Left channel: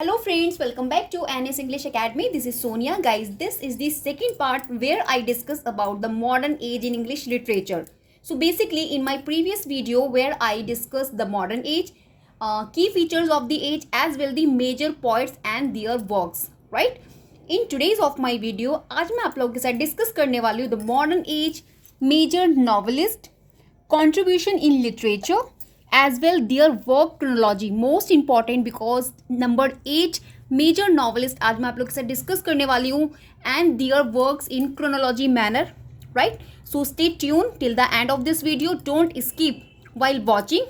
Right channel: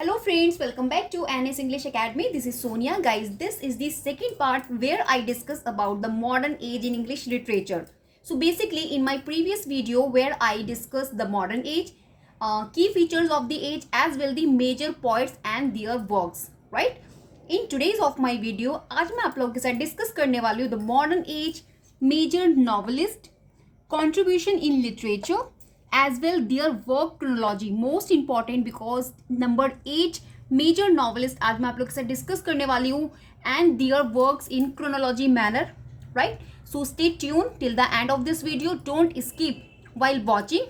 Hello friends, welcome back to NS English Academy. This is Sonia. Guys, this is the second part where I discuss about the modern age in English literature. So basically in my previous video where I discussed the modern age, key features of the age as well the major poets and their works, right? In today's of my video, आज मैं आप लोगों के साथ discuss करने वाली हूँ the modern age, major novelist, contribution in literature as well their work chronology most important because number 8 major novelist आज मैं आप लोग के साथ डिस्कस करने वाली हूँ and their works in chronology manner, right? So stay tuned till the end of this video. Don't skip while watching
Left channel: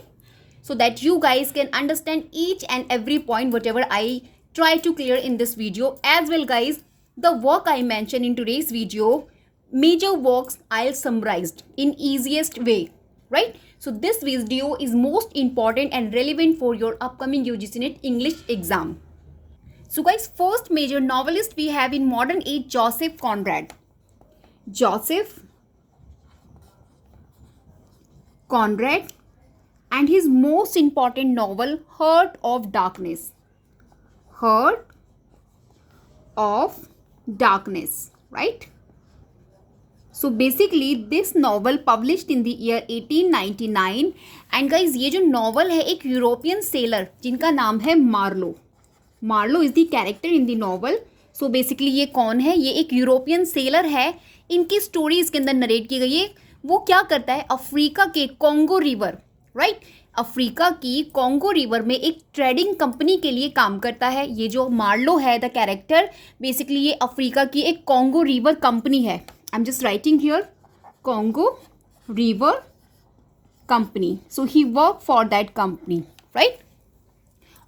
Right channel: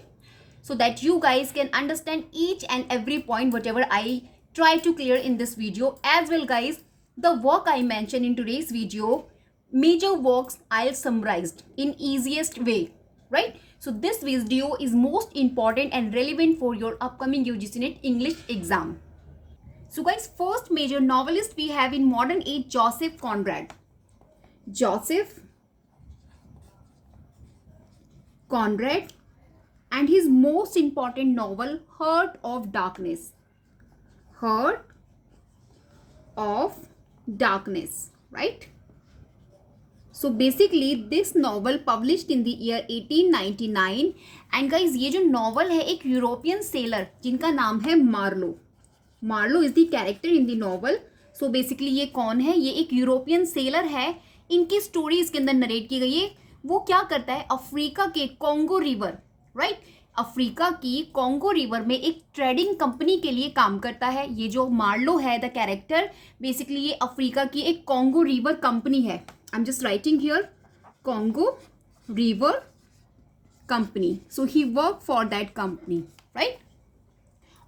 so that you guys can understand each and every point whatever I try to clear in this video. As well guys, the work I mentioned in today's video, major works I'll summarized in easiest way, right? So this video is most important and relevant for your upcoming UGC NET English exam. So guys, first major novelist we have in modern age, Joseph Conrad. Joseph Conrad and his most important novel, Heart of Darkness. Heart of Darkness, right? So basically this novel published in the year 1899 and guys ये जो novel है एक European seller जिनका नाम है Marlow is the character in the novel. So basically ये कौन है? ये एक यूरोपियन सेलर है. इनकी स्टोरी इसके अंदर नरेट की गई है. वो क्या करता है, अफ्रीका के कॉन्गो रिवर, राइट, अफ्रीका की कॉन्गो रिवर में एक ट्रेडिंग कंपनी के लिए काम करता है. ये जो मार्लो है द कैरेक्टर, बेसिकली ये अफ्रीका की एक कॉन्गो रिवर कंपनी है. आई am just writing here Congo river company. So he work for that company, right.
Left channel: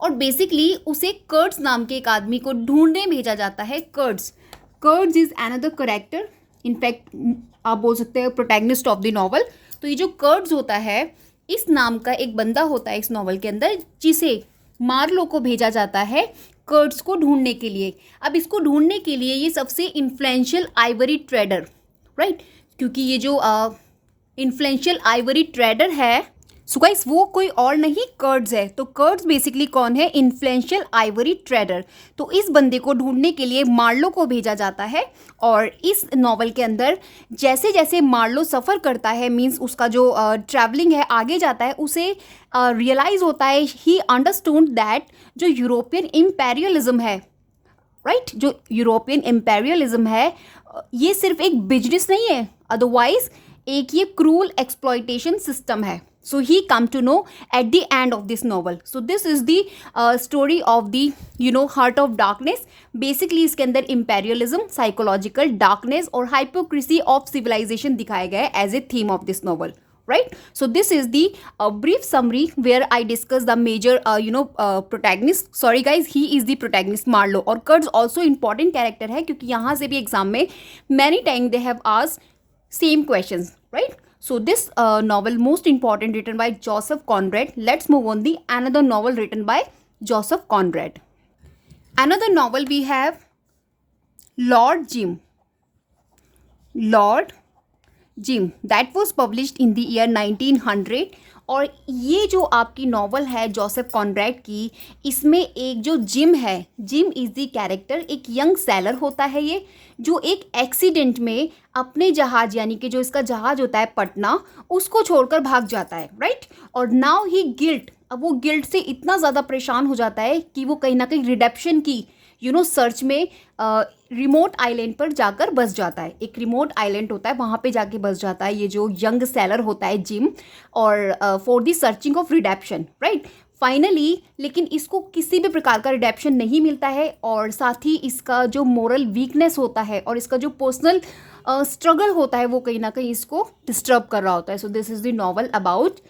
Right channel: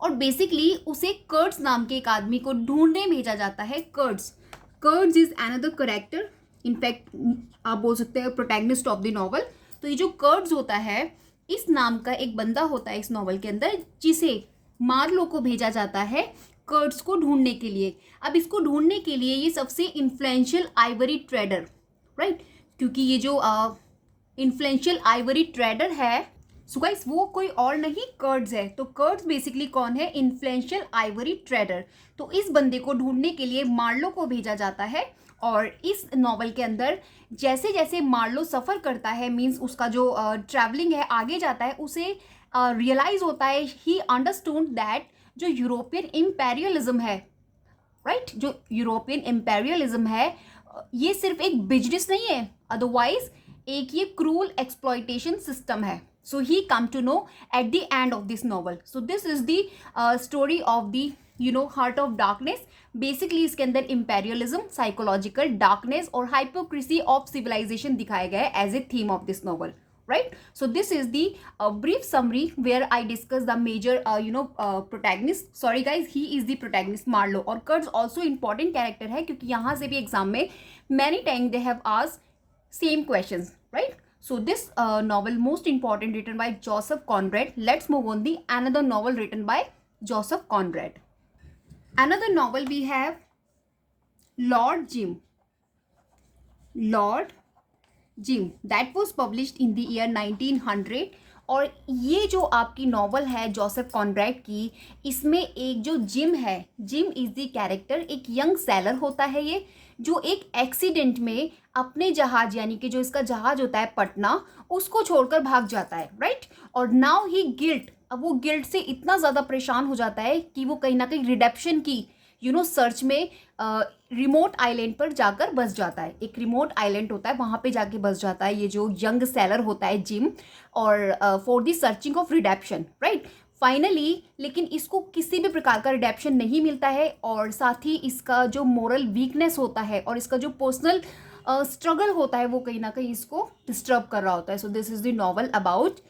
और बेसिकली उसे कर्ट्स नाम के एक आदमी को ढूंढने भेजा जाता है. कर्ट्स इज अनदर करेक्टर, इनफैक्ट आप बोल सकते हैं प्रोटैगनिस्ट ऑफ द नॉवल. तो ये जो कर्ट्स होता है, इस नाम का एक बंदा होता है इस नॉवल के अंदर जिसे मार्लो को भेजा जाता है कर्ट्स को ढूंढने के लिए. अब इसको ढूंढने के लिए ये सबसे इन्फ्लुएंशियल आइवरी ट्रेडर, राइट, क्योंकि ये जो इन्फ्लुएंशियल आइवरी ट्रेडर है, सो गाइस वो कोई और नहीं कर्ट्स है. तो कर्ट्स बेसिकली कौन है? Influential Ivory trader. तो इस बंदे को ढूंढने के लिए मार्लो को भेजा जाता है. और इस नॉवल के अंदर जैसे जैसे मार्लो सफ़र करता है, मींस उसका जो ट्रैवलिंग है आगे जाता है, उसे रियलाइज़ होता है, ही अंडरस्टूड दैट जो यूरोपियन इम्पेरियलिज्म है, राइट, जो यूरोपियन इम्पेरियलिज्म है ये सिर्फ एक बिजनेस नहीं है, अदरवाइज एक ये क्रूल एक्सप्लॉयटेशन सिस्टम है. So he come to know at the end of this novel. So this is the story of the Heart of Darkness. Basically इसके अंदर imperialism, psychological darkness और hypocrisy of civilization दिखाया गया है as a theme of this novel, right? So this is the brief summary where I discuss the major protagonist. Sorry guys, he is the protagonist Marlo. और Kurtz also important character है क्योंकि यहाँ से भी exam में many times they have asked same questions, right? So this novel most important written by Joseph Conrad. Let's move on the another novel written by Joseph Conrad. Another novel we have Lord Jim. Lord Jim that was published in the year 1900. और ये जो आपकी novel है Joseph Conrad की, इसमें एक जो gym है, जिम इज़ द कैरेक्टर, एक यंग सेलर होता है ये, जो एक एक्सीडेंट में अपने जहाज़ यानी कि जो इसका जहाज़ होता है पटना, उसको छोड़कर भाग जाता है, राइट. और नाउ ही गिल्ट, अब वो गिल्ट से इतना ज़्यादा परेशान हो जाता है कि वो कहीं ना कहीं रिडेप्शन की सर्च में रिमोट आइलैंड पर जाकर बस जाता है. एक रिमोट आइलैंड होता है, वहाँ पे जाके बस जाता है ये जो यंग सेलर होता है जिम, और for the searching of redemption, right. Finally लेकिन इसको किसी भी प्रकार का रिडेप्शन नहीं मिलता है, और साथ ही इसका जो मोरल वीकनेस होता है और इसका जो पर्सनल स्ट्रगल होता है वो कहीं ना कहीं इसको डिस्टर्ब कर रहा होता है. So this is the novel about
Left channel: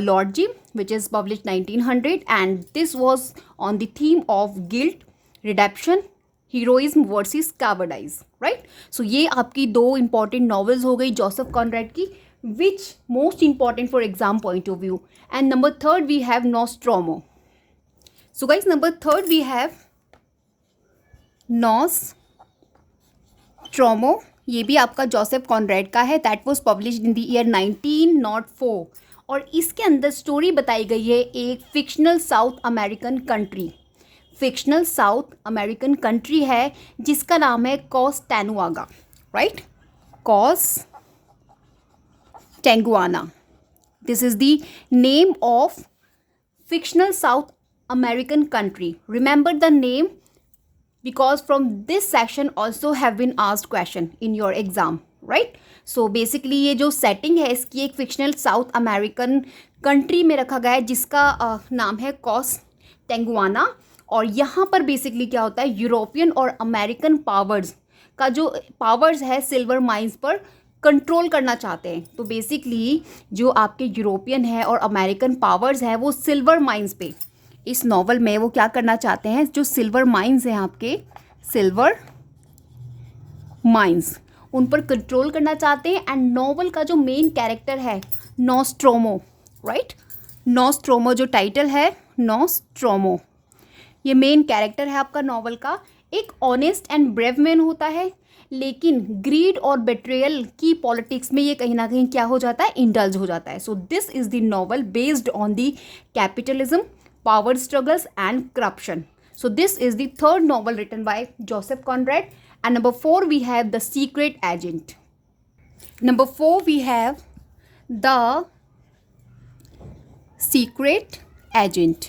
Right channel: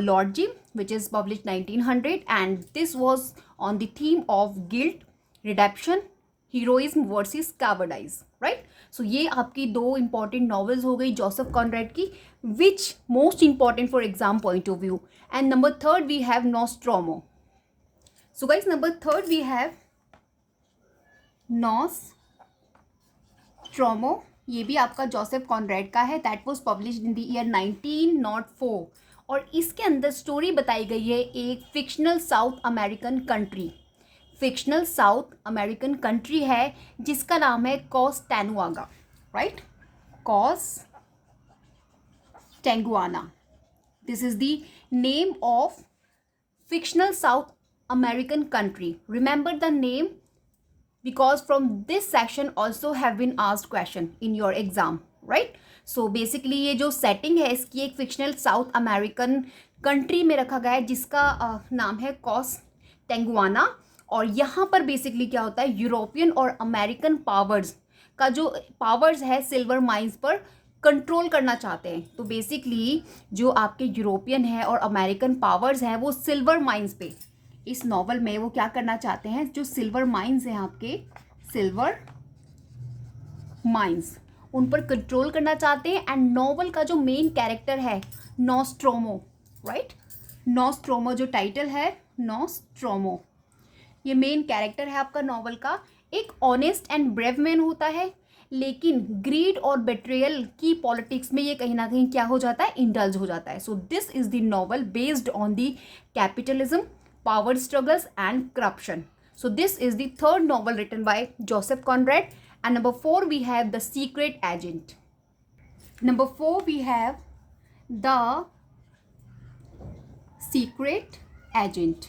Lord Jim which is published 1900 and this was on the theme of guilt, redemption, heroism versus cowardice, right. So ये आपकी दो इंपॉर्टेंट नॉवेल्स हो गई जोसेफ कॉनरैड की, which most important for exam point of view. And number third we have Nostromo. So guys number third we have Nostromo. ये भी आपका Joseph Conrad का है. That was published in the year 1904. और इसके अंदर story बताई गई है एक fictional South American country, fictional South American country है जिसका नाम है Costaguana, right, Costaguana. This is the name of fictional South American country. Remember the name because from this section also have been asked question in your exam, right? So basically ये जो setting है इसकी एक fictional South American country में रखा गया है जिसका नाम है कॉस्टैंगुआना. और यहाँ पर बेसिकली क्या होता है, यूरोपियन और अमेरिकन पावर्स का जो पावर्स है सिल्वर माइंस पर कंट्रोल करना चाहते हैं. तो बेसिकली जो आपके यूरोपियन है और अमेरिकन पावर्स हैं वो सिल्वर माइंस पे इस नॉवल में वो क्या करना चाहते हैं, जो सिल्वर माइंस हैं आपके सिल्वर माइंस उन पर कंट्रोल करना चाहते हैं. एंड नॉवल का जो मेन कैरेक्टर है नॉस्ट्रोमो, राइट, नॉस्ट्रोमो जो टाइटल है नॉस्ट्रोमो, ये मेन कैरेक्टर है आपका नॉवल का. एक ऑनेस्ट एंड ब्रेव मैन होता है लेकिन ग्रीड और बेट्रेयल की पॉलिटिक्स में ये कहीं ना कहीं क्या हो जाता है, इंडल्ज हो जाता है. So this is the novel based on the capitalism, power struggles and corruption. So this is the third novel written by Joseph Conrad. And number 4 we have the secret agent. Number 4 we have the secret agent.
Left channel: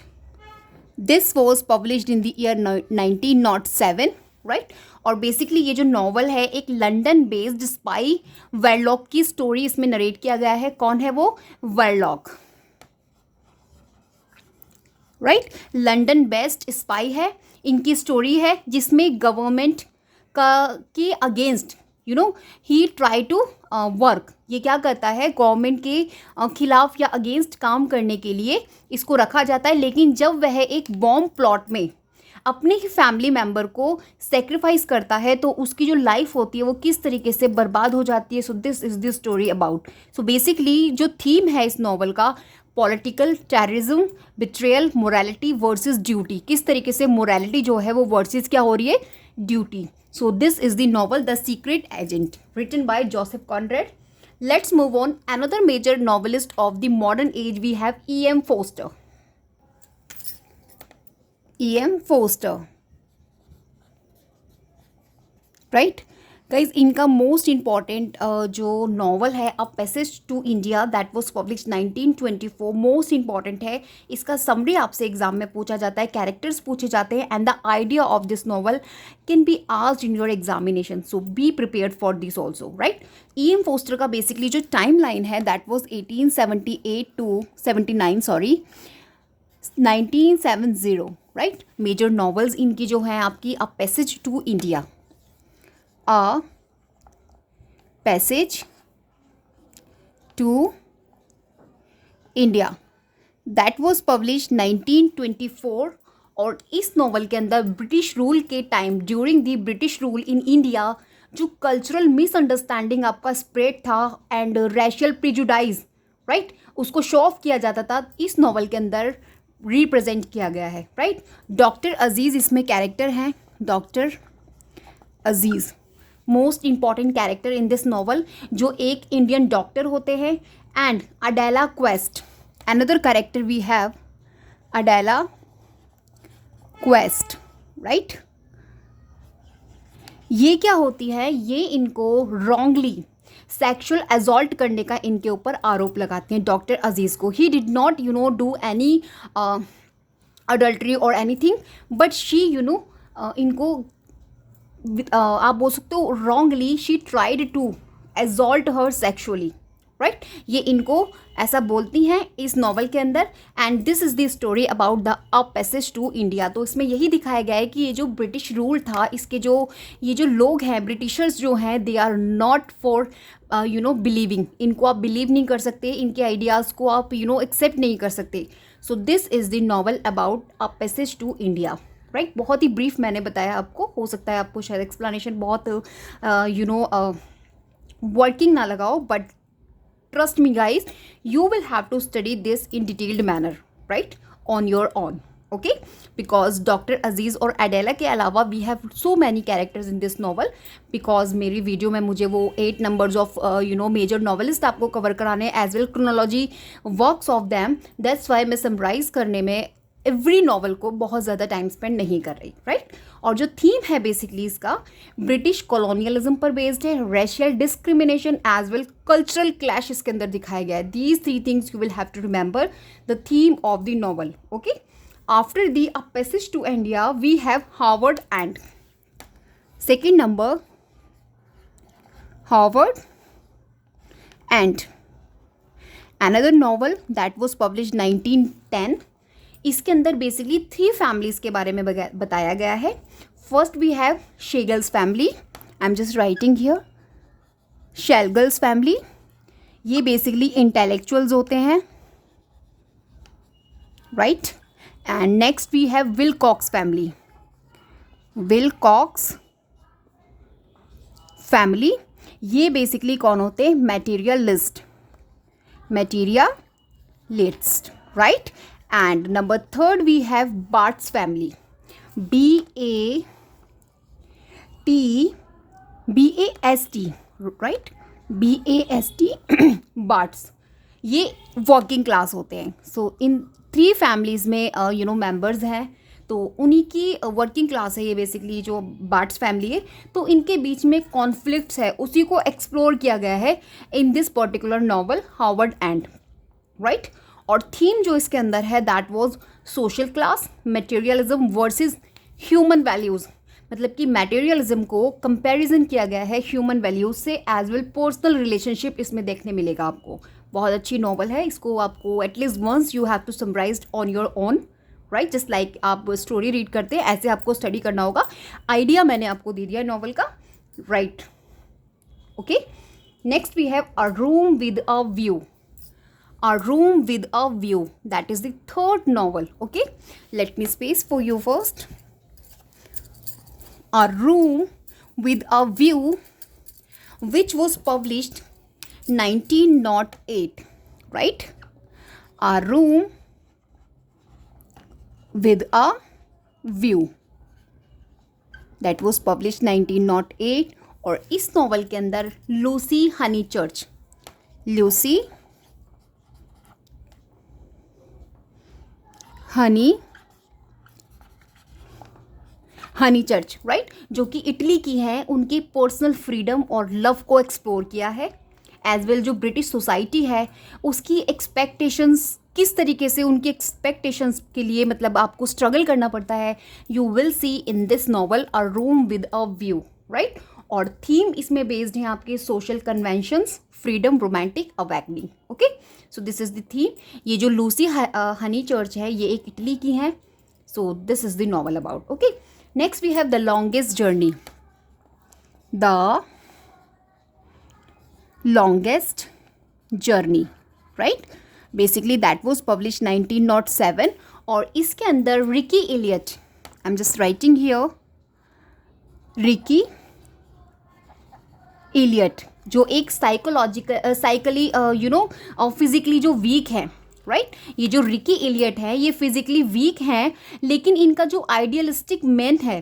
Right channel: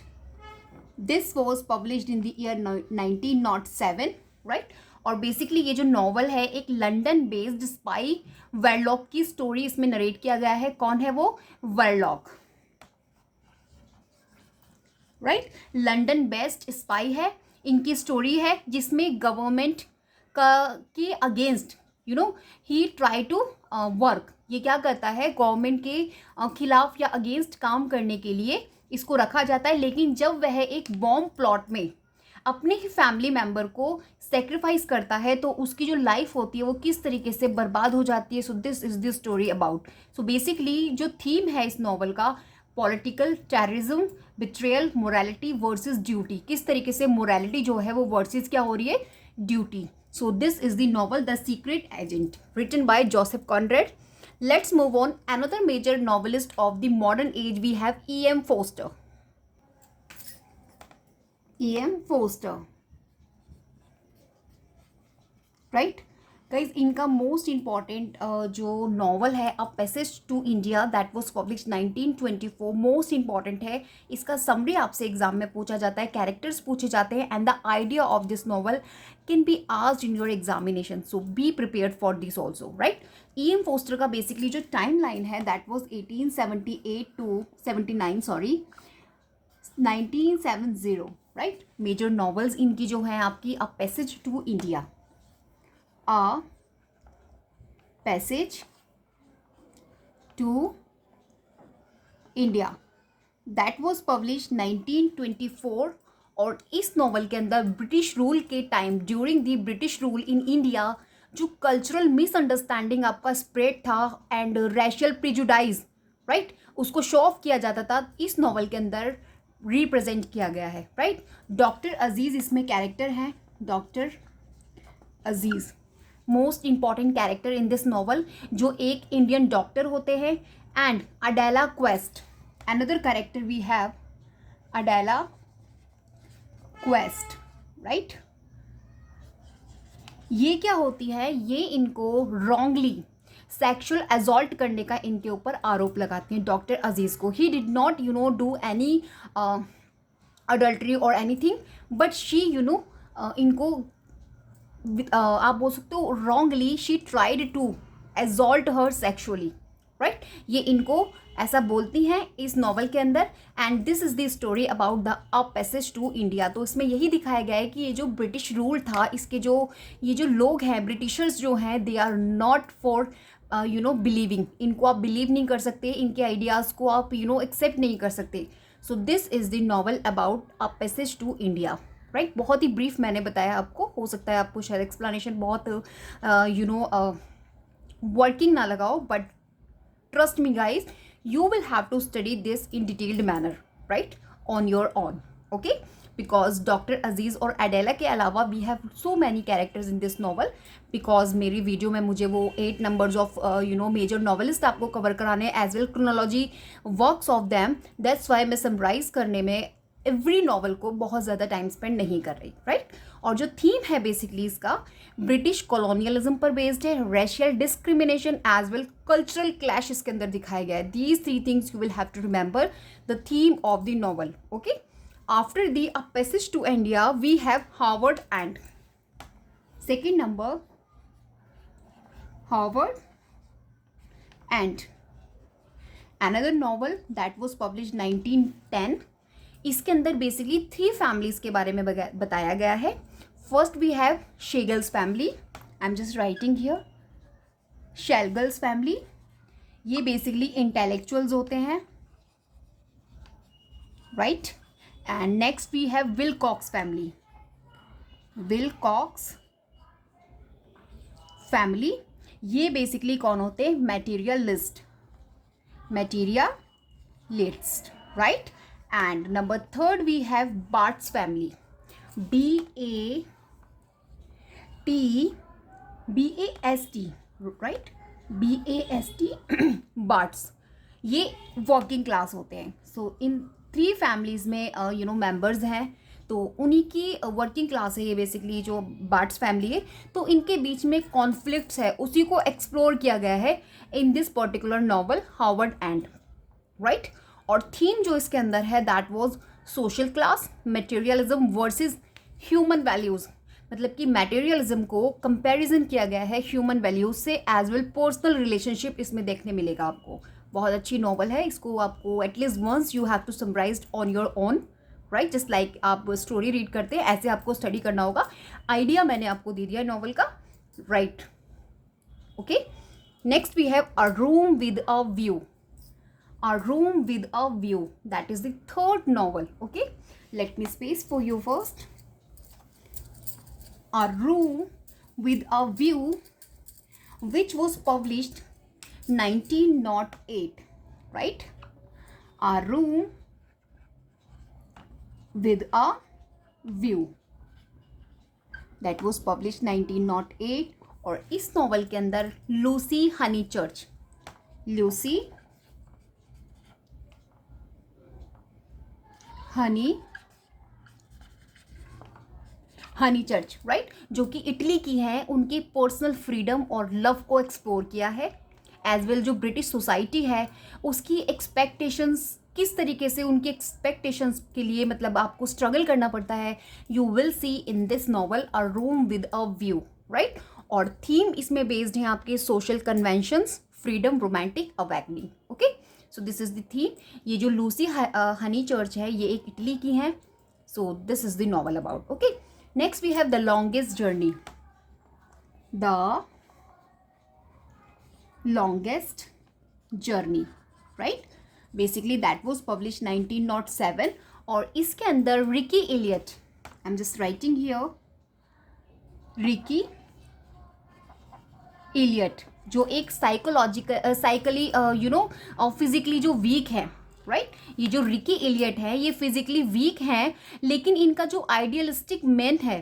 This was published in the year 1907, right. और basically ये जो novel है एक London based spy वेरलॉक की story इसमें narrate किया गया है. कौन है वो, Verloc, right, London based spy है. इनकी स्टोरी है जिसमें गवर्नमेंट का के अगेंस्ट ही ट्राई टू वर्क. ये क्या करता है, गवर्नमेंट के खिलाफ या अगेंस्ट काम करने के लिए इसको रखा जाता है. लेकिन जब वह एक बॉम्ब प्लॉट में अपने ही फैमिली मेम्बर को सेक्रीफाइस करता है तो उसकी जो लाइफ होती है वो किस तरीके से बर्बाद हो जाती है. So this is the story about. So basically जो थीम है इस नॉवल का, political terrorism, betrayal, morality versus duty. किस तरीके से मोरालिटी जो है वो वर्सेस क्या हो रही है, duty. So this is the novel the secret agent written by Joseph Conrad. Let's move on. Another major novelist of the modern age we have E.M. Forster. E.M. Forster, right guys. इनका most important जो novel है a passage to India that was published 1924 most important है. इसका summary आपसे exam में पूछा जाता है, कैरेक्टर्स पूछे जाते हैं and the idea of this novel can be asked in your examination. So be prepared for this also, right. E.M. Forster का बेसिकली जो टाइम लाइन है that was 1878 to 1970, right. Major novels इनकी जो हैं आपकी a passage to India, a passage to India that was published 1924. और इस novel के अंदर ब्रिटिश रूल के time, during the British rule in India, जो कल्चरल मिसअंडरस्टैंडिंग आपका स्प्रेड था एंड रेशियल प्रिजुडाइज, राइट, उसको शो ऑफ किया जाता था, इस नॉवल के अंदर रिप्रेजेंट किया गया है, राइट. डॉक्टर अजीज़ इसमें कैरेक्टर हैं. Doctor Aziz most important character in this novel, जो एक इंडियन डॉक्टर होते हैं. And Adela Quest, another character we have Adela Quest, right. ये क्या होती है, ये इनको रॉन्गली सेक्सुअल असॉल्ट करने का इनके ऊपर आरोप लगाते हैं डॉक्टर अजीज़ को. He did not do any adultery और एनीथिंग, बट शी इनको आप बोल सकते हो wrongly she tried to assault her sexually, right. ये इनको ऐसा बोलती हैं इस नॉवल के अंदर. And this is the story about the a passage to India. तो इसमें यही दिखाया गया है कि ये जो ब्रिटिश रूल था, इसके जो ये जो लोग हैं, ब्रिटिशर्स जो हैं, they are not for believing. इनको आप बिलीव नहीं कर सकते, इनके आइडियाज़ को आप एक्सेप्ट नहीं कर सकते. So this is the novel about a passage to India, right. बहुत ही ब्रीफ मैंने बताया आपको, हो सकता है आपको शायद एक्सप्लेनेशन बहुत वर्किंग ना लगाओ, but trust me guys, you will have to study this in detailed manner, right, on your own, okay, because Dr. Aziz और Adela के अलावा we have so many characters in this novel. because मेरी video में मुझे वो 8 numbers of major novelist आपको cover कराने as well chronology works of them, that's why मैं समराइज करने में एवरी नॉवल को बहुत ज़्यादा टाइम स्पेंड नहीं कर रही, राइट। और जो थीम है बेसिकली इसका ब्रिटिश कॉलोनियलिज्म पर बेस्ड है, racial discrimination as well cultural clash इसके अंदर दिखाया गया है। These three things you will have to remember the theme of the novel, okay. After the a passage to India we have Howards End, second number Howards End, another novel that was published 1910। इसके अंदर basically 3 families के बारे में बताया गया है। First we have Schlegels family, I am just writing here, Schlegels family, ये basically intellectuals होते हैं, right. And next we have Wilcox family, Wilcox family, ये बेसिकली कौन होते हैं, materialist, materialist, right? And number third we have Bart's family, B-A-S-T, right? B-A-S-T Bart's, ये working class होते हैं। सो इन 3 फैमिलीज़ में मेंबर्स हैं, तो उन्हीं की वर्किंग क्लास है ये बेसिकली जो बार्ट्स फैमिली है। तो इनके बीच में कॉन्फ्लिक्ट्स है, उसी को एक्सप्लोर किया गया है in this particular novel Harvard and, right. और थीम जो इसके अंदर है that was social class, materialism versus human values, मतलब कि मटेरियलिज्म को कंपैरिजन किया गया है ह्यूमन वैल्यूज़ से, एज वेल पर्सनल रिलेशनशिप इसमें देखने मिलेगा आपको। बहुत अच्छी नॉवल है, इसको आपको at least once you have to summarise on your own, right. Just like आप स्टोरी रीड करते हैं ऐसे आपको स्टडी करना होगा। आइडिया मैंने आपको दे दिया नॉवल का, right, okay. Next we have a room with a view, a room with a view, that is the third novel, okay. Let me space for you first. A room with a view which was published 1908, right? A room with a view that was published 1908। और इस novel के अंदर Lucy हनीचर्च, Lucy हनीचर्च, right, जो कि Italy की है, उनकी personal freedom और लव को एक्सप्लोर किया है, एज वेल जो ब्रिटिश सोसाइटी है उसकी एक्सपेक्टेशंस, किस तरीके से उनकी एक्सपेक्टेशंस के लिए मतलब आपको स्ट्रगल करना पड़ता है, you will see in this novel a room with a view, right. और थीम इसमें बेस्ड है आपके social conventions, freedom, romantic awakening, okay. So this is the theme. ये जो लूसी हनीचर्च है ये एक इटली की है, so this is the novel about, okay. Next we have the longest journey, the longest journey, right. Basically that was publish 1907। और इसके अंदर Rickie Elliot, I am just writing here, Rickie Elliot जो एक psychically physically जो weak है, राइट। ये जो रिकी एलियट है ये फिजिकली वीक हैं, लेकिन इनका जो आइडियलिस्टिक मैन है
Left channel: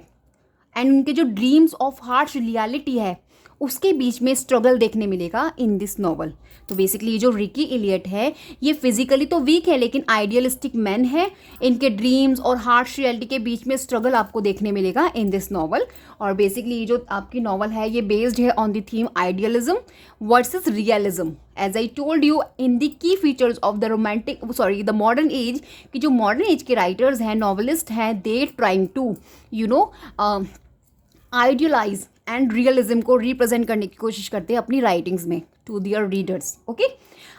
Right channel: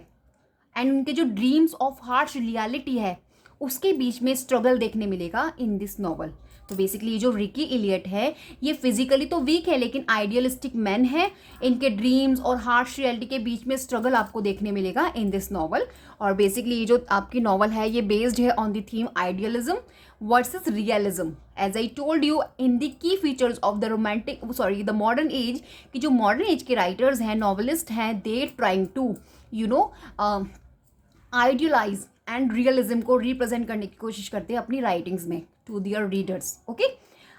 एंड इनके जो ड्रीम्स ऑफ हार्श रियलिटी है उसके बीच में स्ट्रगल देखने मिलेगा इन दिस नॉवल। तो बेसिकली ये जो रिकी एलियट है ये फिजिकली तो वीक है लेकिन आइडियलिस्टिक मैन है, इनके ड्रीम्स और हार्श रियलिटी के बीच में स्ट्रगल आपको देखने मिलेगा इन दिस नॉवल। और बेसिकली ये जो आपकी नॉवल है ये बेस्ड है on the theme idealism versus realism, as I told you in the key features of the the modern age, कि जो मॉडर्न एज के राइटर्स हैं, नॉवलिस्ट हैं, they trying to idealise and realism को represent करने की कोशिश करते हैं अपनी राइटिंग्स में to their readers, okay.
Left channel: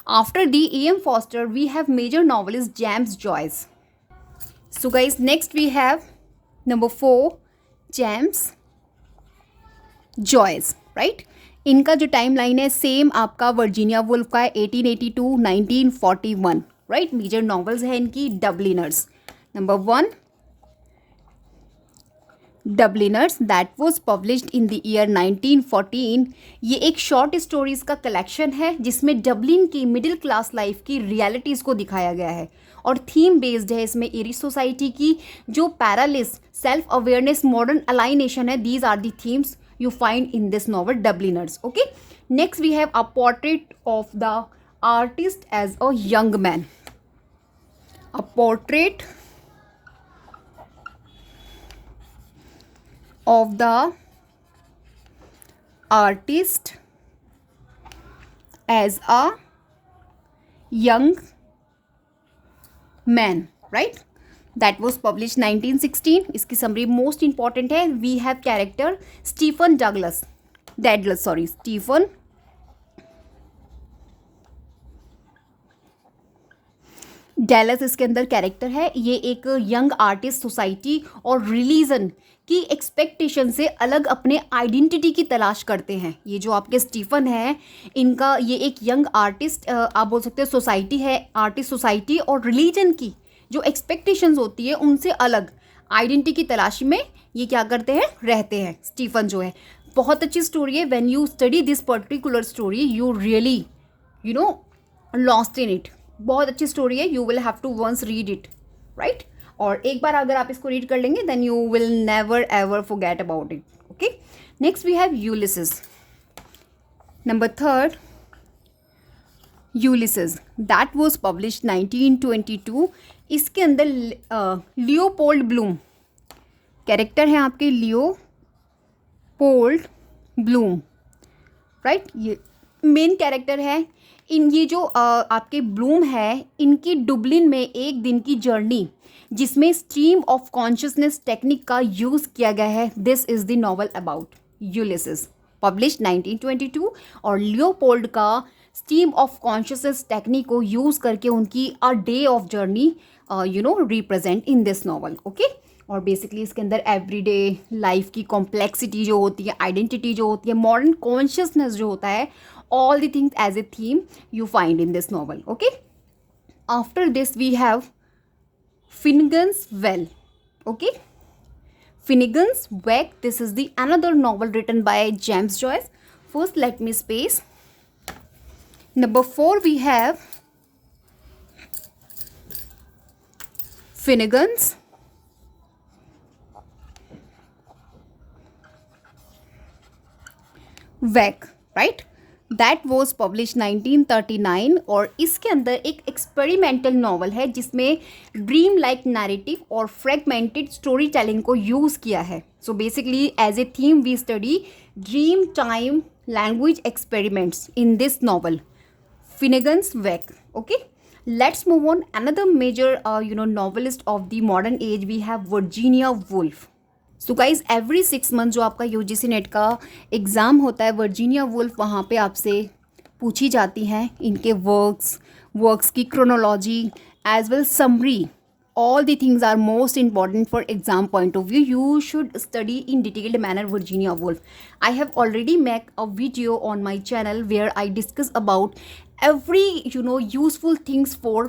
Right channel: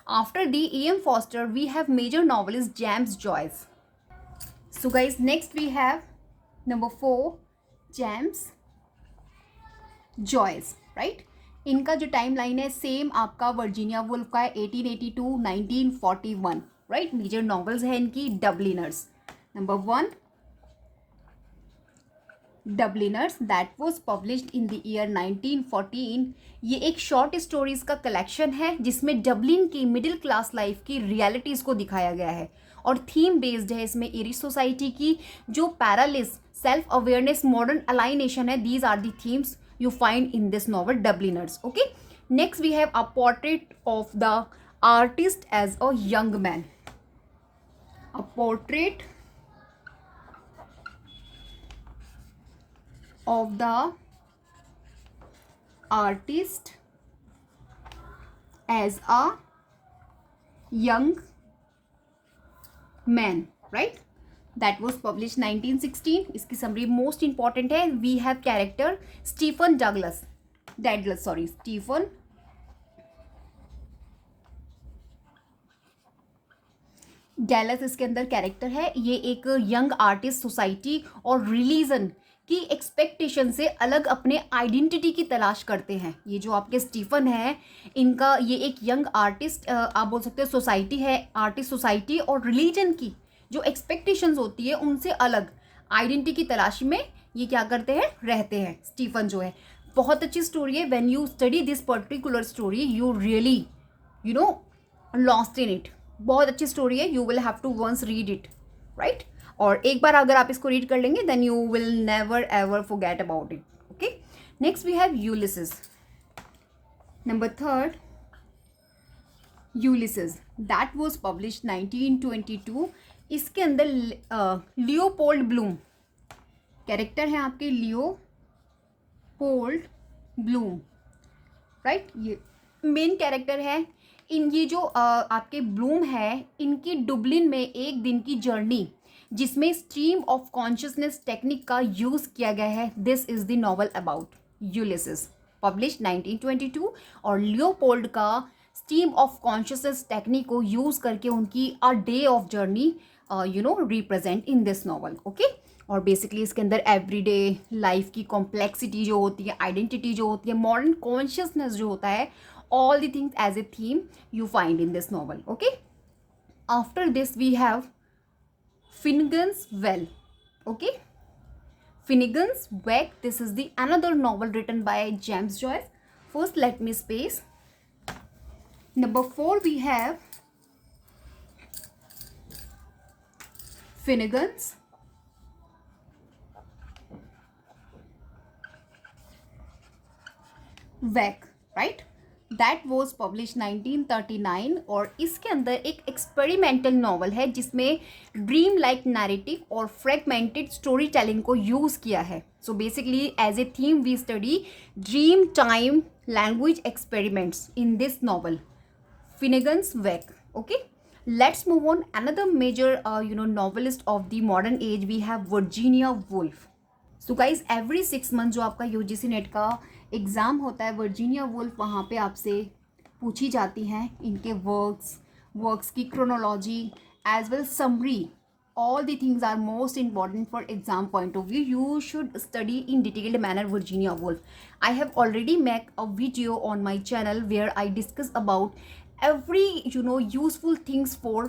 After the E.M. Forster we have major novelist James Joyce। So guys, next we have number 4 James Joyce, right। इनका जो टाइम लाइन है सेम आपका वर्जीनिया वुल्फ का है, 1882 1941, राइट। मेजर नॉवेल्स है इनकी Dubliners, number 1 Dubliners that was published in the year 1914। ये एक शॉर्ट स्टोरीज़ का कलेक्शन है जिसमें डबलिन की मिडिल क्लास लाइफ की रियलिटीज़ को दिखाया गया है और थीम बेस्ड है इसमें एरिश सोसाइटी की जो paralysis, self awareness, modern alienation है। These are the themes you find in this novel Dubliners, okay। Next we have a portrait of the artist as a young man, a portrait of the artist as a young man, right? That was published 1916. इसकी summary most important है. We have character Stephen Stephen Dallas इसके अंदर character है. ये एक young artist society और religion की expectation से अलग अपने आइडेंटिटी की तलाश करते हैं. ये जो आपके स्टीफन है, इनका ये एक यंग आर्टिस्ट आप बोल सकते हैं सोसाइटी है, आर्टिस्ट सोसाइटी और रिलीजन की जो एक्सपेक्टेशंस होती है उनसे अलग आइडेंटिटी की तलाशी में ये क्या करते हैं, रहते हैं. स्टीफन जो है बहुत अच्छी स्टोरी है. When you study this particular story you really lost in it. बहुत अच्छी स्टोरी है. You will have to once read it, right. और एक बार अगर आप इसको रीड कर लेंगे then you will never ever forget about it. Okay, next we have Ulysses. Number 3 Ulysses that was published 1922. इसके अंदर लियोपोल्ड ब्लूम कैरेक्टर है आपके, लियोपोल्ड ब्लूम, राइट. ये मेन कैरेक्टर है. ये जो आपके ब्लूम है, इनकी डुबलिन में एक दिन की जर्नी जिसमें स्ट्रीम ऑफ कॉन्शियसनेस टेक्निक का यूज़ किया गया है. This is the novel about Ulysses published 1922. और लियोपोल्ड का स्ट्रीम ऑफ कॉन्शियसनेस टेक्निक को यूज़ करके उनकी a day of journey represent in this novel. Okay, और बेसिकली इसके अंदर एवरीडे लाइफ की कॉम्प्लेक्सिटी जो होती है, आइडेंटिटी जो होती है, मॉडर्न कॉन्शियसनेस जो होता है, all the things as a theme you find in this novel. Okay, after this we have Finnegan's Well. Okay, Finnegan's Wake. This is the another novel written by James Joyce. First let me space. Number 4 we have Finnegan's Wake, right. That was publish 1939. और इसके अंदर एक experimental novel है जिसमें dream like narrative और fragmented story telling को use किया है. So basically as a theme we study dream time language experiments in this novel Finnegans Wake. Okay, let's move on. Another major novelist of the modern age we have Virginia Woolf. So guys every 6 month जो आपका UGC net का exam होता है, Virginia Woolf वहाँ पे आपसे पूछी जाती हैं इनके वर्क्स की chronology as well summary. All the things are most important for exam point of view. You should study in detailed manner Virginia Woolf. I have already make a video on my channel where I discuss about every useful things for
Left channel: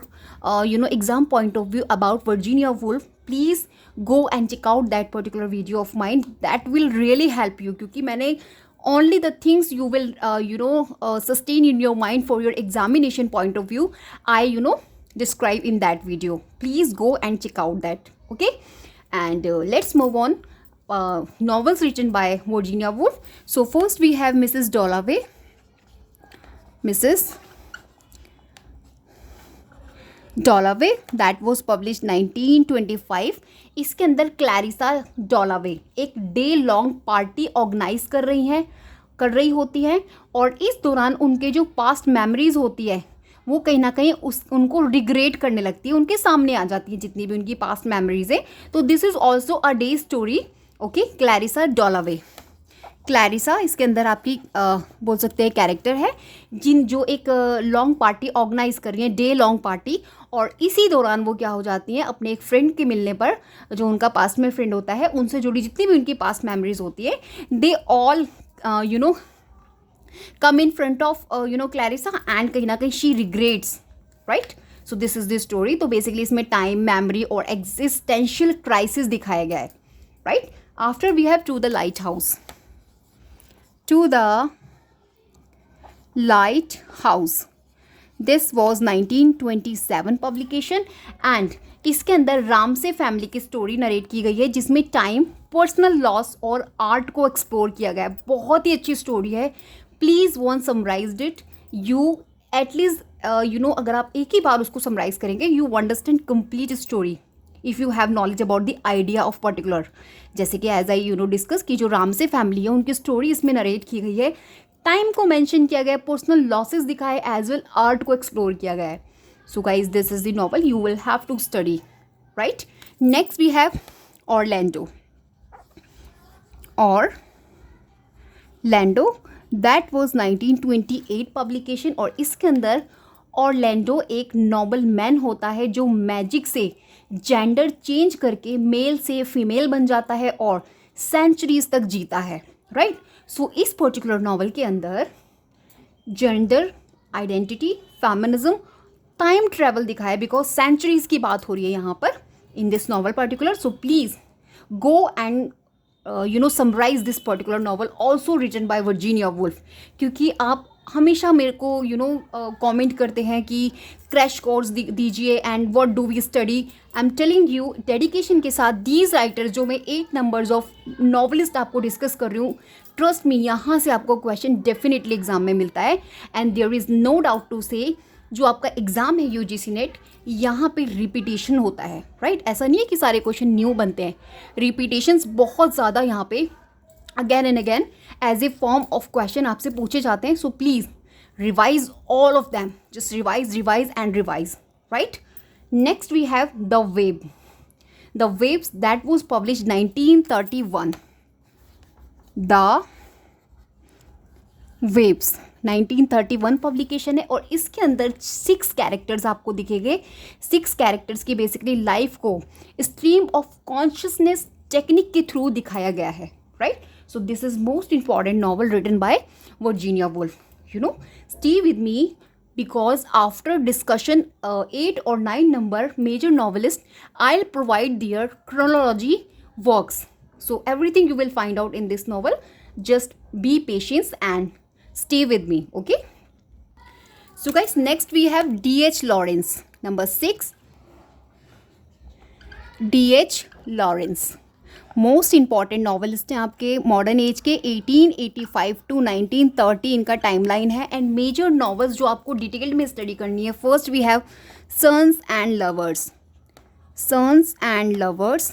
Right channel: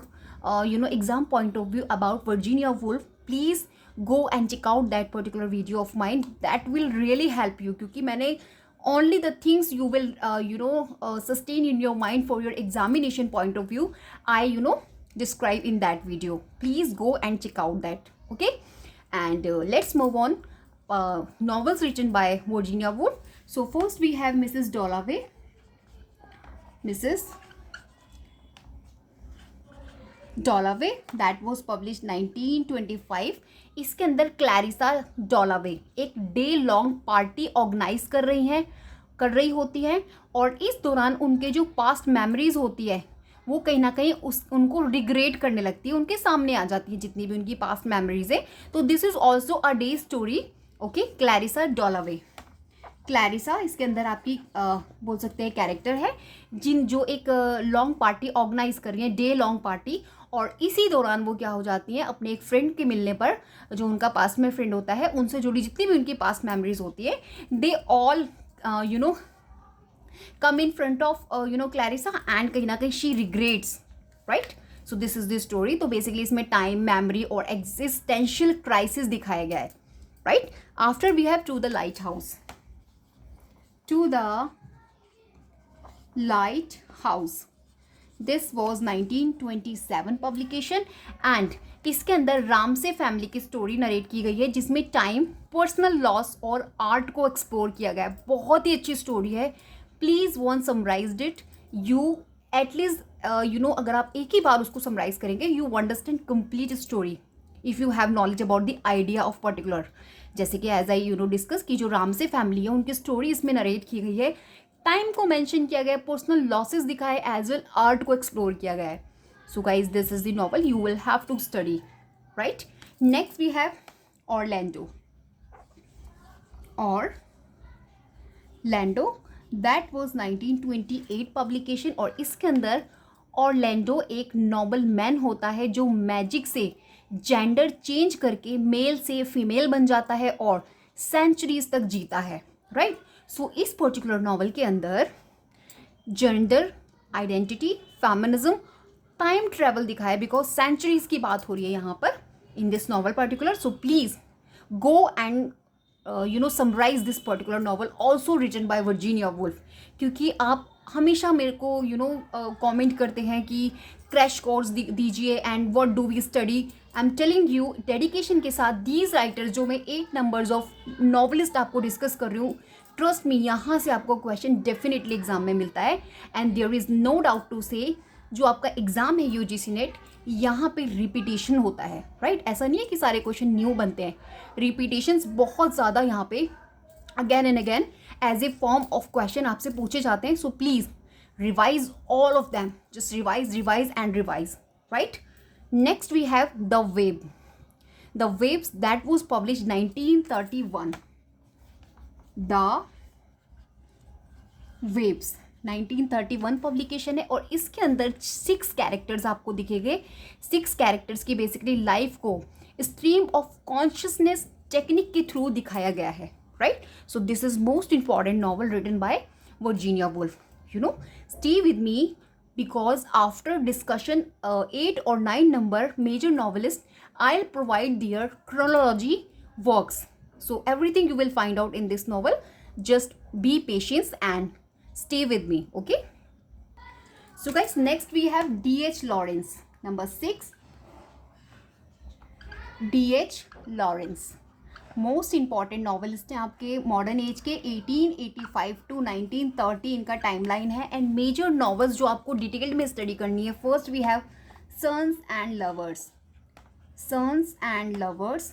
exam point of view about Virginia Woolf. Please go and check out that particular video of mine. That will really help you क्योंकि मैंने only the things you will sustain in your mind for your examination point of view I describe in that video. Please go and check out that. Okay, and let's move on. Novels written by Virginia Woolf. So first we have Mrs. Dalloway that was publish 1925. इसके अंदर Clarissa डॉलावे एक day long party organise कर रही होती हैं और इस दौरान उनके जो पास्ट मेमोरीज होती है वो कहीं ना कहीं उनको रिग्रेट करने लगती है, उनके सामने आ जाती है जितनी भी उनकी पास्ट मेमोरीज है. तो this is also a day story. Okay, Clarissa Dalloway. Clarissa इसके अंदर आपकी बोल सकते हैं कैरेक्टर है जो एक लॉन्ग पार्टी ऑर्गेनाइज कर रही है, डे लॉन्ग पार्टी. और इसी दौरान वो क्या हो जाती हैं, अपने एक फ्रेंड के मिलने पर, जो उनका पास्ट में फ्रेंड होता है, उनसे जुड़ी जितनी भी उनकी पास्ट मेमोरीज होती है, they all come in front of Clarissa and कहीं ना कहीं she regrets, right. So this is the story. तो बेसिकली इसमें टाइम, मेमोरी और एग्जिस्टेंशियल क्राइसिस दिखाया गया है, right. After we have to the lighthouse. To the Lighthouse. This was 1927 publication and इसके अंदर रामसे फैमिली की स्टोरी नरेट की गई है जिसमें टाइम, पर्सनल लॉस और आर्ट को एक्सप्लोर किया गया है. बहुत ही अच्छी स्टोरी है. Please one summarised it. You at least अगर आप एक ही बार उसको समराइज करेंगे you understand complete story if you have knowledge about the idea of particular. जैसे कि एज आई डिस्कस की जो रामसे फैमिली है उनकी स्टोरी इसमें नरेट की गई है, टाइम को मेंशन किया गया है, पर्सनल लॉसेस दिखाए एज वेल आर्ट को एक्सप्लोर किया गया है. So guys this is the novel you will have to study, right. Next we have Orlando. Orlando that was 1928 publication. और इसके अंदर ऑरलैंडो एक नॉबल मैन होता है जो मैजिक से जेंडर चेंज करके मेल से फीमेल बन जाता है और सेंचुरीज तक जीता है, राइट. सो इस पर्टिकुलर नॉवल के अंदर gender identity, feminism, time travel दिखाया है बिकॉज सेंचुरीज की बात हो रही है यहाँ पर in this novel particular. So please go and summarise this particular novel also written by Virginia Woolf. क्योंकि आप हमेशा मेरे को कमेंट करते हैं कि क्रैश कोर्स दीजिए and what do we study. I am telling you dedication के साथ दीज राइटर्स जो मैं 8 नंबर्स ऑफ नॉवलिस्ट आपको डिस्कस कर रही हूँ, ट्रस्ट मी यहाँ से आपको क्वेश्चन डेफिनेटली एग्जाम में मिलता है. And there is no doubt to say जो आपका एग्ज़ाम है यूजीसी नेट, यहाँ पे रिपीटेशन होता है, राइट. ऐसा नहीं है कि सारे क्वेश्चन न्यू बनते हैं, रिपीटेशंस बहुत ज़्यादा यहाँ पे again and again as a form of question आपसे पूछे जाते हैं. So please revise all of them, just revise and revise, right. Next we have the wave. The waves that was published 1931. The waves 1931 publication है और इसके अंदर 6 characters आपको दिखेंगे. 6 कैरेक्टर्स की बेसिकली लाइफ को स्ट्रीम ऑफ कॉन्शियसनेस टेक्निक के through दिखाया गया है, right. So this is most important novel written by Virginia Woolf. Stay with me because after discussion 8 or 9 number major novelists, I'll provide their chronology works. So everything you will find out in this novel. Just be patient and stay with me, okay. So guys, next we have D.H. Lawrence. Number 6, D.H. Lawrence. Most important novelist हैं आपके modern age के. 1885 to 1930 इनका timeline है. And major novels जो आपको detail में study करनी है, first we have sons and lovers. Sons and lovers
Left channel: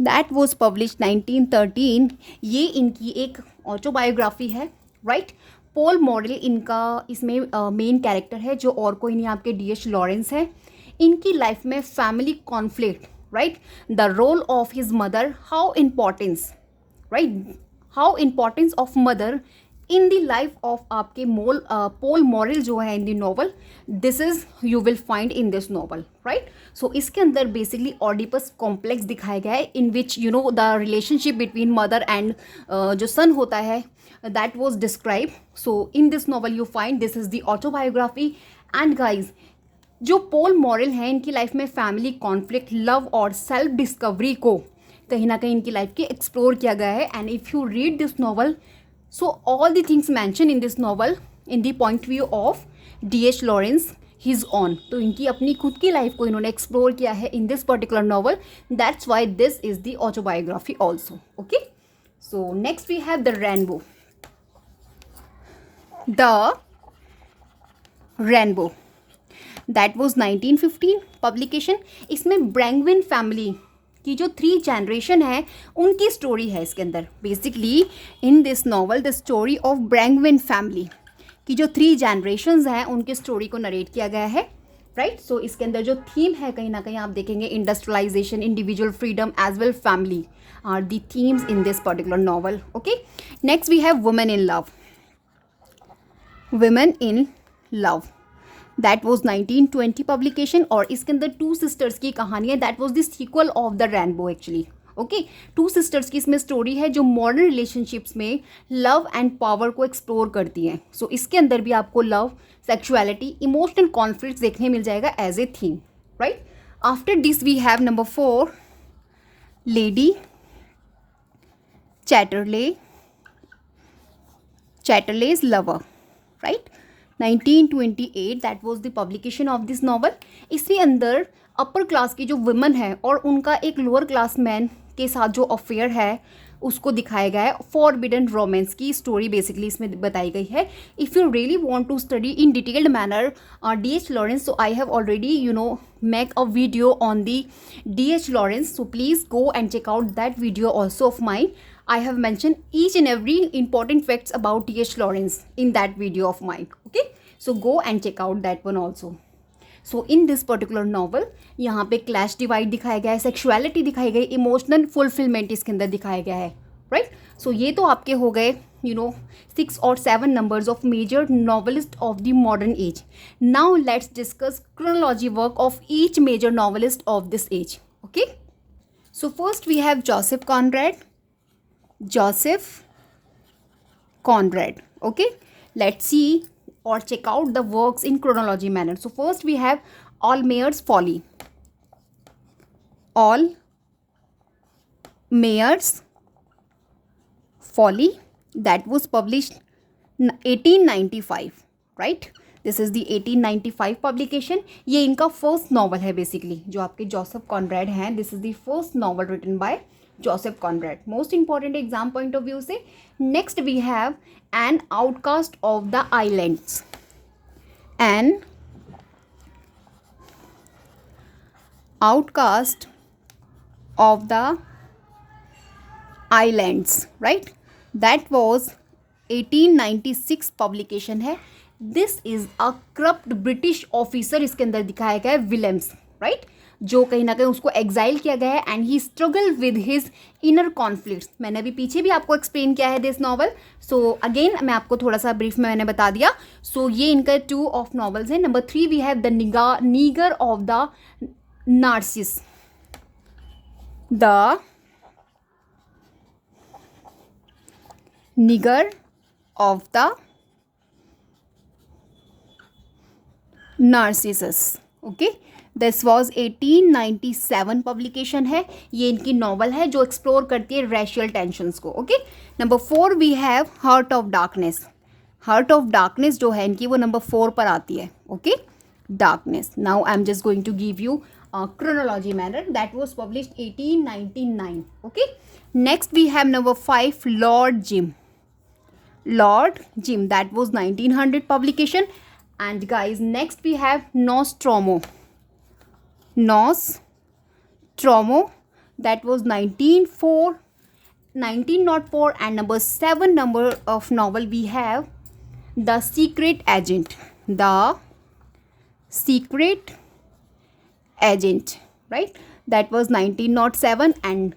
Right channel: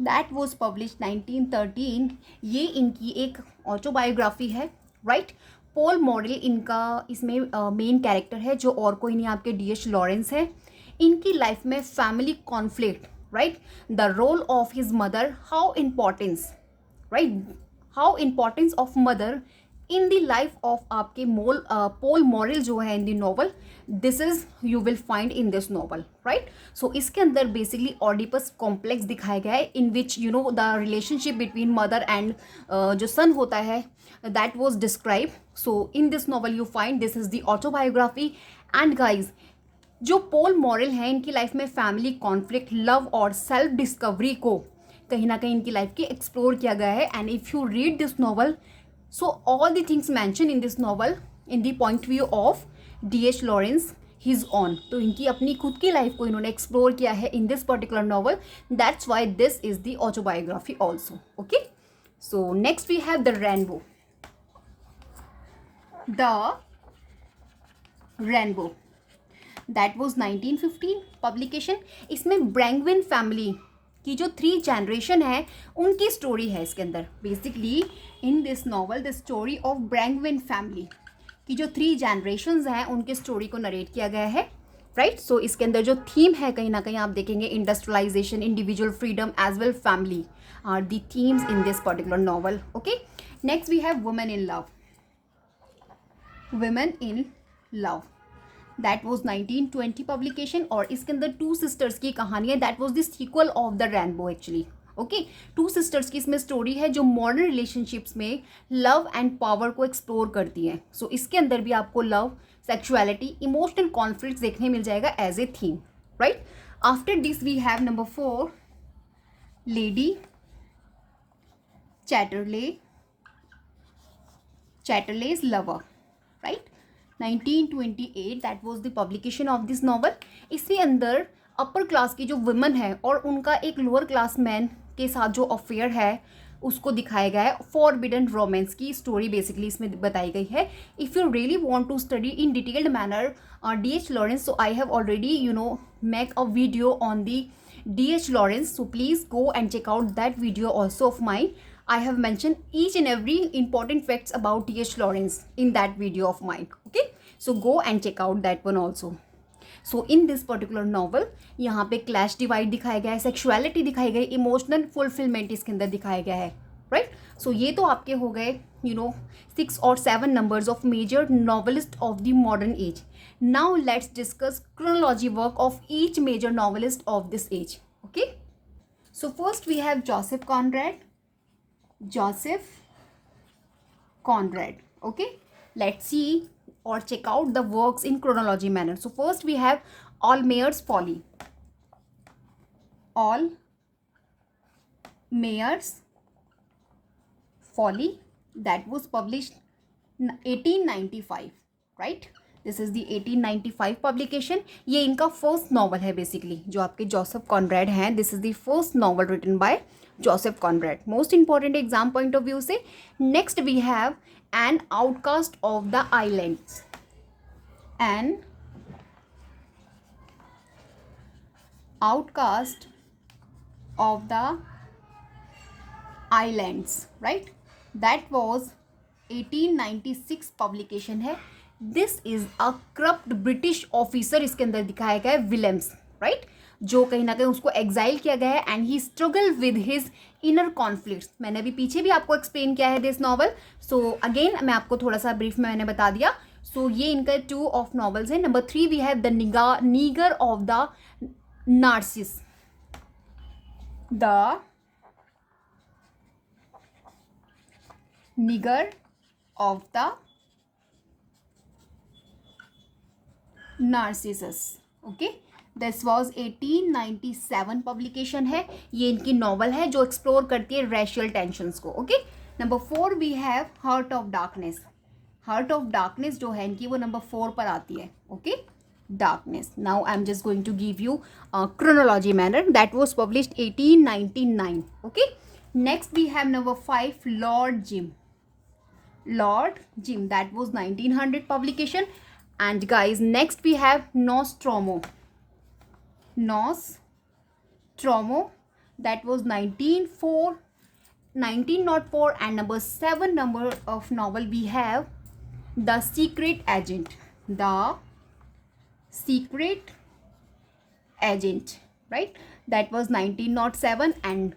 that was published 1913. ये इनकी एक ऑटोबायोग्राफी है, राइट. पॉल मॉडल इनका इसमें मेन कैरेक्टर है जो और कोई नहीं आपके D.H. लॉरेंस है. इनकी लाइफ में family conflict, right, the role of his mother, how importance, right, how importance of mother in the life of आपके Paul Morrell जो है in the novel, this is you will find in this novel, right. So इसके अंदर basically Oedipus complex दिखाया गया है in which the relationship between mother and जो son होता है that was described. So in this novel you find this is the autobiography. And guys, जो Paul moral हैं इनकी लाइफ में फैमिली कॉन्फ्लिक्ट, लव और सेल्फ डिस्कवरी को कहीं ना कहीं इनकी लाइफ की एक्सप्लोर किया गया है. And if you read this novel, so all the things mention in this novel in the point view of D.H. Lawrence his on. तो इनकी अपनी खुद की लाइफ को इन्होंने एक्सप्लोर किया है in this particular novel. That's why this is the autobiography also, okay. So next we have the rainbow. The rainbow that was 1915 publication. इसमें ब्रैंगविन फैमिली की जो 3 जनरेशन है उनकी स्टोरी है इसके अंदर. Basically in this novel the story of Brangwen family की जो 3 जनरेशन्स हैं उनकी स्टोरी को नरेट किया गया है, राइट. सो इसके अंदर जो थीम है कहीं ना कहीं आप देखेंगे industrialisation, individual freedom as well family are the themes in this particular novel, okay. Next we have women in love. Women in love that was 1920 publication. और इसके अंदर 2 सिस्टर्स की कहानी है. That was the sequel of the rainbow actually, okay. 2 sisters की इसमें story है जो मॉडर्न रिलेशनशिप्स में लव एंड पावर को एक्सप्लोर करती हैं. सो इसके अंदर भी आपको लव, सेक्सुअलिटी, इमोशनल कॉन्फ्लिक्ट देखने मिल जाएगा as a theme, right. After this we have number 4, Lady Chatterley's lover, right. 1928 that was the publication of this novel. इसके अंदर अपर क्लास की जो वुमेन है और उनका एक लोअर क्लास मैन के साथ जो अफेयर है उसको दिखाया गया है. फॉरबिडन रोमांस की स्टोरी बेसिकली इसमें बताई गई है. If you really want to study in detailed manner D.H. Lawrence, so I have already make a video on the D.H. Lawrence, so please go and check out that video also of mine. I have mentioned each and every important facts about D.H. Lawrence in that video of mine. Okay, so go and check out that one also. So in this particular novel यहाँ पे clash divide दिखाया गया है, sexuality दिखाई गई, emotional fulfilment इसके अंदर दिखाया गया है. राइट, सो ये तो आपके हो गए 6 और 7 numbers of major novelist of the modern age. Now let's discuss chronology work of each major novelist of this age. Okay, so first we have Joseph Conrad. Okay, let's see or check out the works in chronology manner. So first we have Allmayer's Folly, that was published 1895. Right, this is the 1895 publication. ये इनका first novel है बेसिकली जो आपके Joseph Conrad हैं. This is the first novel written by Joseph Conrad. Most important exam point of view से. Next we have an outcast of the islands. An outcast of the islands, right, that was 1896 publication है. This is a corrupt British officer इसके अंदर दिखाया गया है, Williams. Right, जो कहीं ना कहीं उसको एग्जाइल किया गया है and he struggle with his inner conflicts. मैंने अभी पीछे भी आपको एक्सप्लेन किया है दिस नॉवल. सो अगेन मैं आपको थोड़ा सा ब्रीफ में मैंने बता दिया. सो ये इनका 2 ऑफ नॉवल्स हैं. Number 3 we have the nigger of the Narcissus. The nigger of the Narcissus. Okay, this was 1897 publication है. ये इनकी नॉवल है जो एक्सप्लोर करती है रेशियल टेंशंस को. Okay, number 4 we have heart of darkness जो है इनकी वो नंबर 4 पर आती है. Okay, darkness. Now I am just going to give you chronology manner. That was published 1899. Okay, next we have number 5 Lord Jim, that was 1900 publication. And guys, next we have Nostromo, that was 1904. And number 7 number of novel we have The Secret Agent, right, that was 1907. And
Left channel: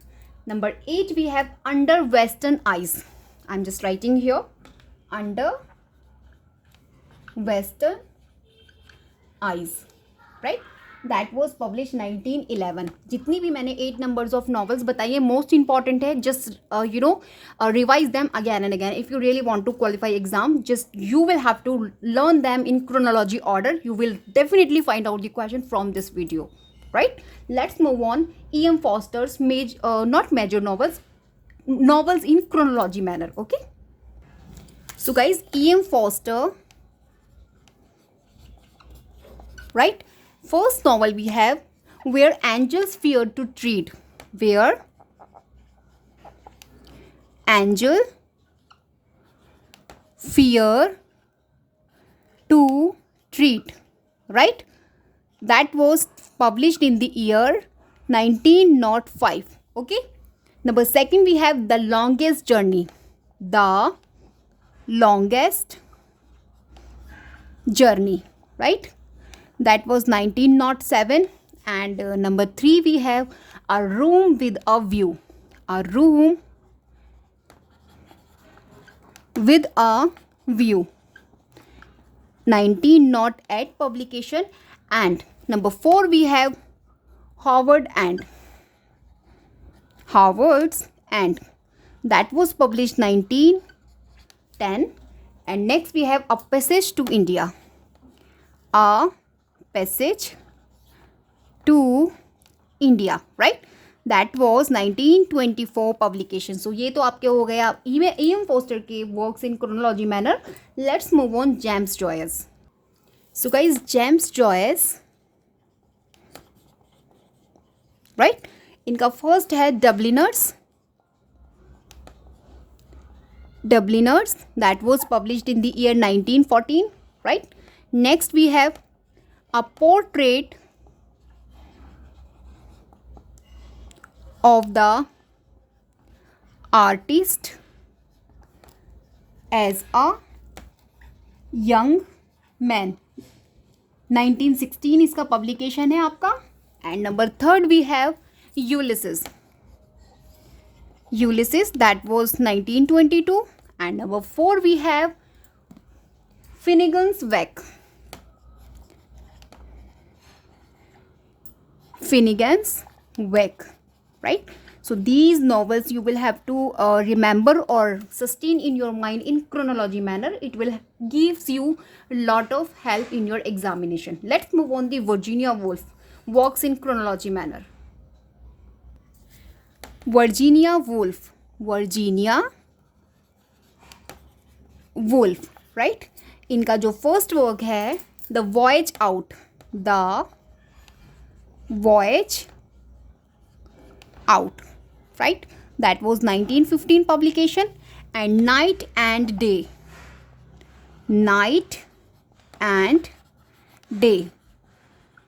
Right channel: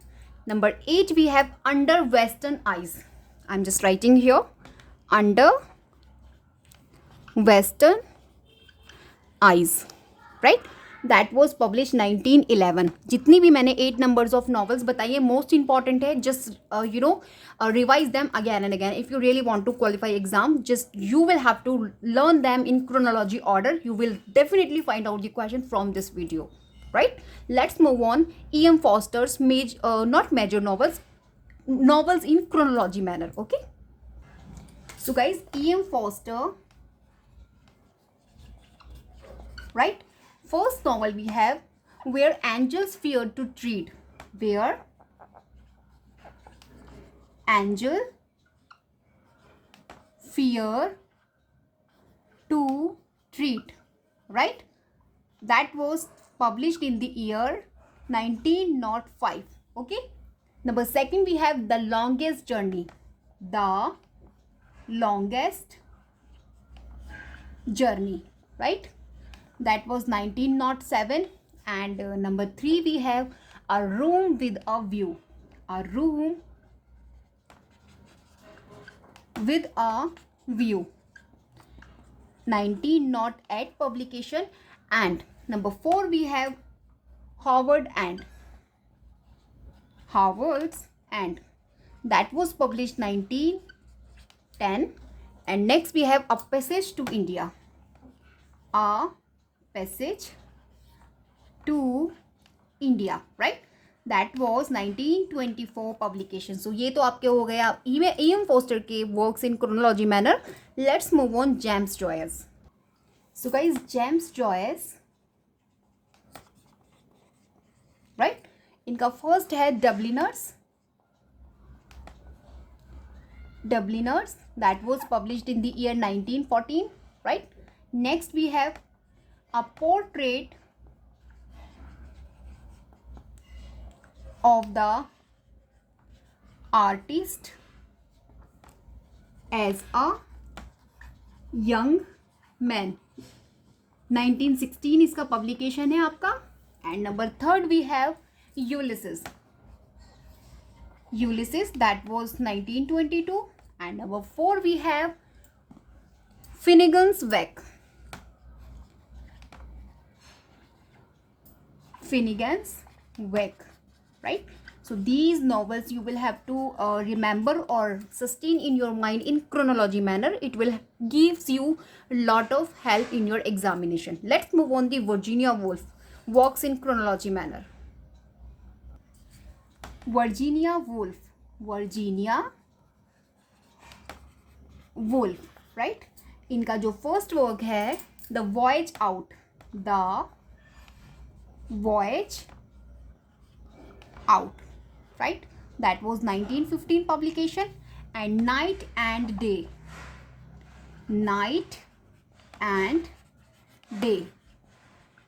number 8 we have Under Western Eyes. I'm just writing here, Under Western Eyes, right, that was published 1911. जितनी भी मैंने 8 numbers of novels बताई है most important है. Just revise them again and again. If you really want to qualify exam, just you will have to learn them in chronology order. You will definitely find out the question from this video. Right, let's move on. E.M. Foster's not major novels in chronology manner. Okay, so guys, E.M. Foster, right, first novel we have Where Angels Fear to Tread. Where Angel Fear to Treat. Right, that was published in the year 1905. Okay, number 2 we have The Longest Journey. Right, that was 1907. And number 3 we have A Room with a View. 1908 publication. And number 4 we have Howard's End, that was published 1910. And next we have A Passage to India. Right, that was 1924 publication. So ये तो आपके हो गए आप E.M. Foster के works in chronology manner. Let's move on. James Joyce. So guys, James Joyce, right, इनका first है Dubliners, that was published in the year 1914, right? Next we have a portrait of the artist as a young man, 1916 इसका publication है आपका. And number third we have Ulysses, that was 1922. And number 4 we have Finnegan's Wake, right? So these novels you will have to remember or sustain in your mind in chronology manner. It will gives you a lot of help in your examination. Let's move on the Virginia Woolf works in chronology manner. Virginia Woolf, right? इनका जो first work है the voyage out, right? That was 1915 publication. And Night and Day,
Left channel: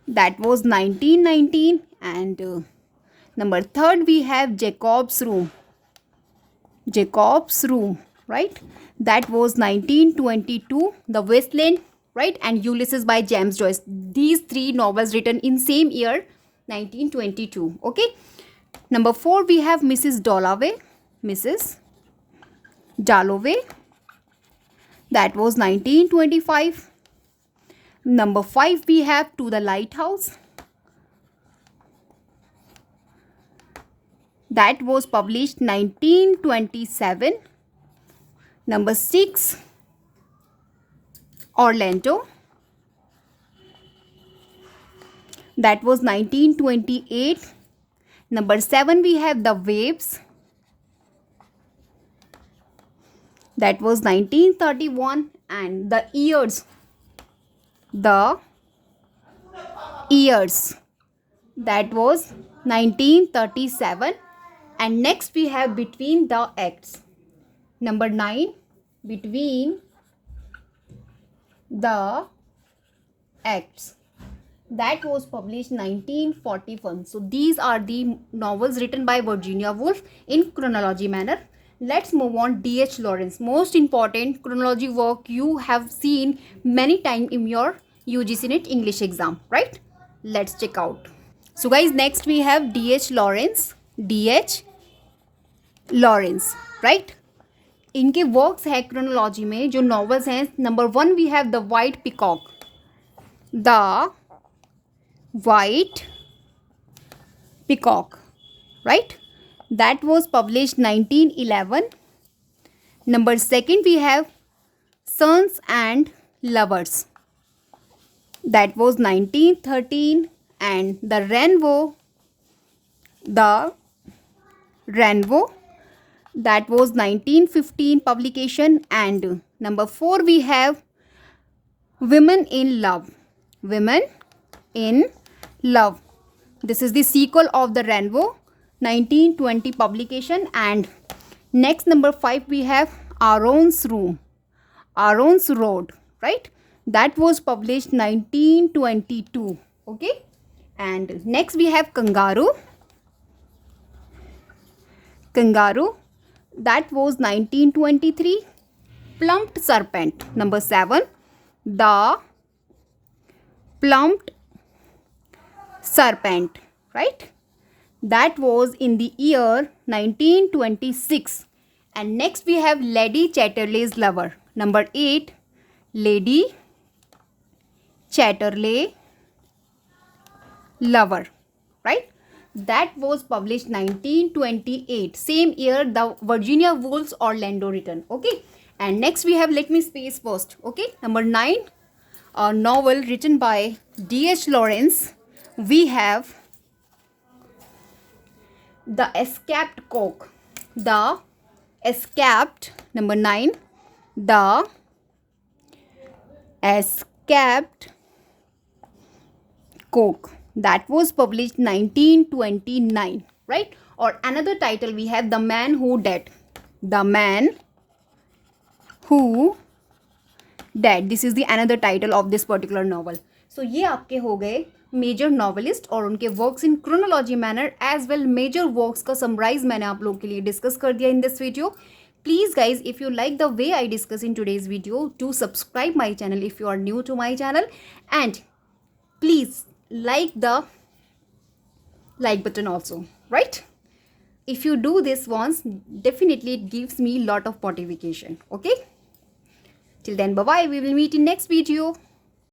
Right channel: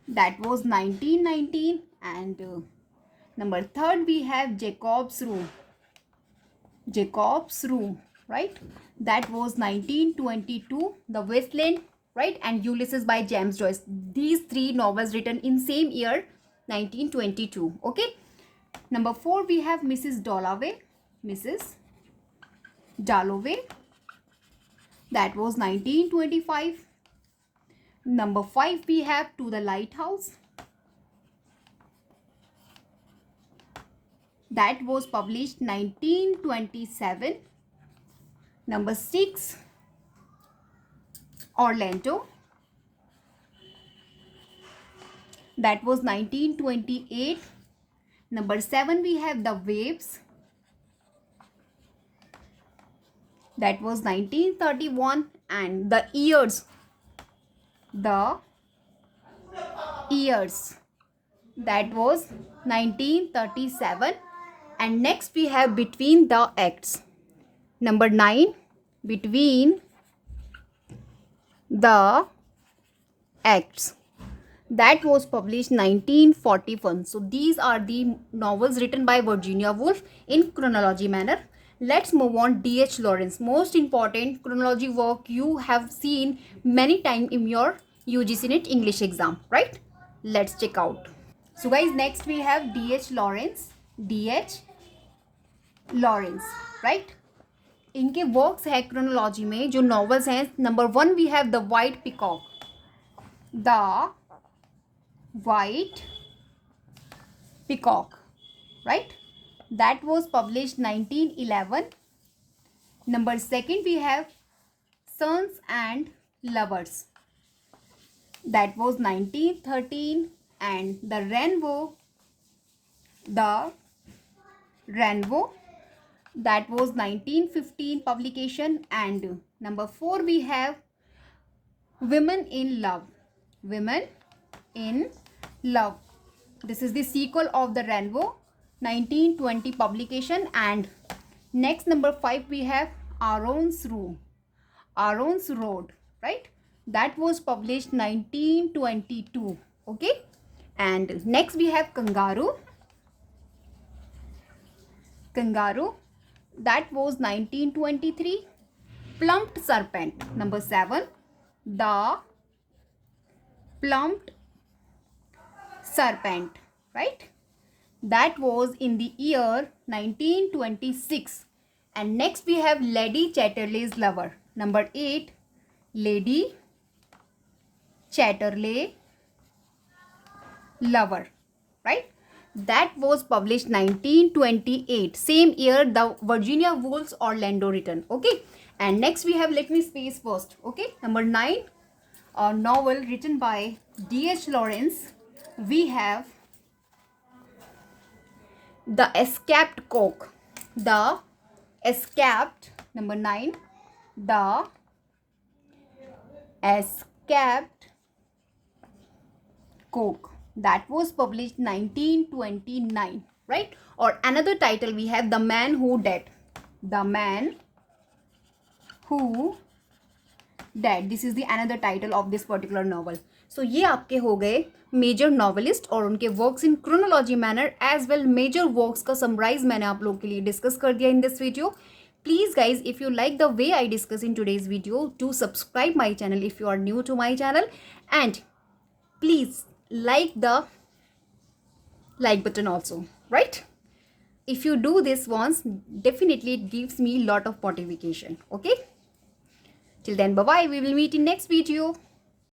that was 1919. And number third we have Jacob's Room, right? That was 1922. The Wasteland, right? And Ulysses by James Joyce. These three novels written in same year, 1922. Okay. Number 4 we have Mrs. Dalloway, that was 1925. Number 5 we have To the Lighthouse, that was published 1927. Number 6 Orlando, that was 1928. Number 7 we have The Waves, that was 1931. And The Years, that was 1937. And next we have Between the Acts, number 9, Between the Acts, that was published 1941. So these are the novels written by Virginia Woolf in chronology manner. Let's move on. D.H. Lawrence, most important chronology work you have seen many times in your UGC NET English exam, right? Let's check out. So guys, next we have D.H. Lawrence, right? इनके works है chronology में जो novels हैं. Number 1 we have the white peacock, right? That was published 1911. Number 2 we have Sons and Lovers, that was 1913. And the Rainbow, that was 1915 publication. And number 4 we have Women in Love, this is the sequel of the Rainbow, 1920 publication. And next number 5 we have Aaron's Road, right? That was published 1922. Okay. And next we have Kangaroo, that was 1923. Plumped Serpent, number 7, The Plumped Serpent, right? That was in the year 1926. And next we have Lady Chatterley's Lover, number 8, Lady Chatterley Lover, right? That was published 1928. Same year the Virginia Woolf's Orlando written. Okay. And next we have, let me space first. Okay. Number 9, a novel written by D.H. Lawrence. We have The Escaped Cook. Number 9, The Escaped Cook. That was published 1929. right? Or another title we have The Man Who Dead. The Man Who Dead. This is the another title of this particular novel. So ये आपके हो गए major novelist और उनके works in chronology manner as well major works का summarise मैंने आप लोगों के लिए डिस्कस कर दिया in this video. Please guys, if you like the way I discuss in today's video, do subscribe my channel if you are new to my channel, and please like the like button also, right? If you do this once, definitely it gives me lot of motivation. Okay, till then, bye bye. We will meet in next video.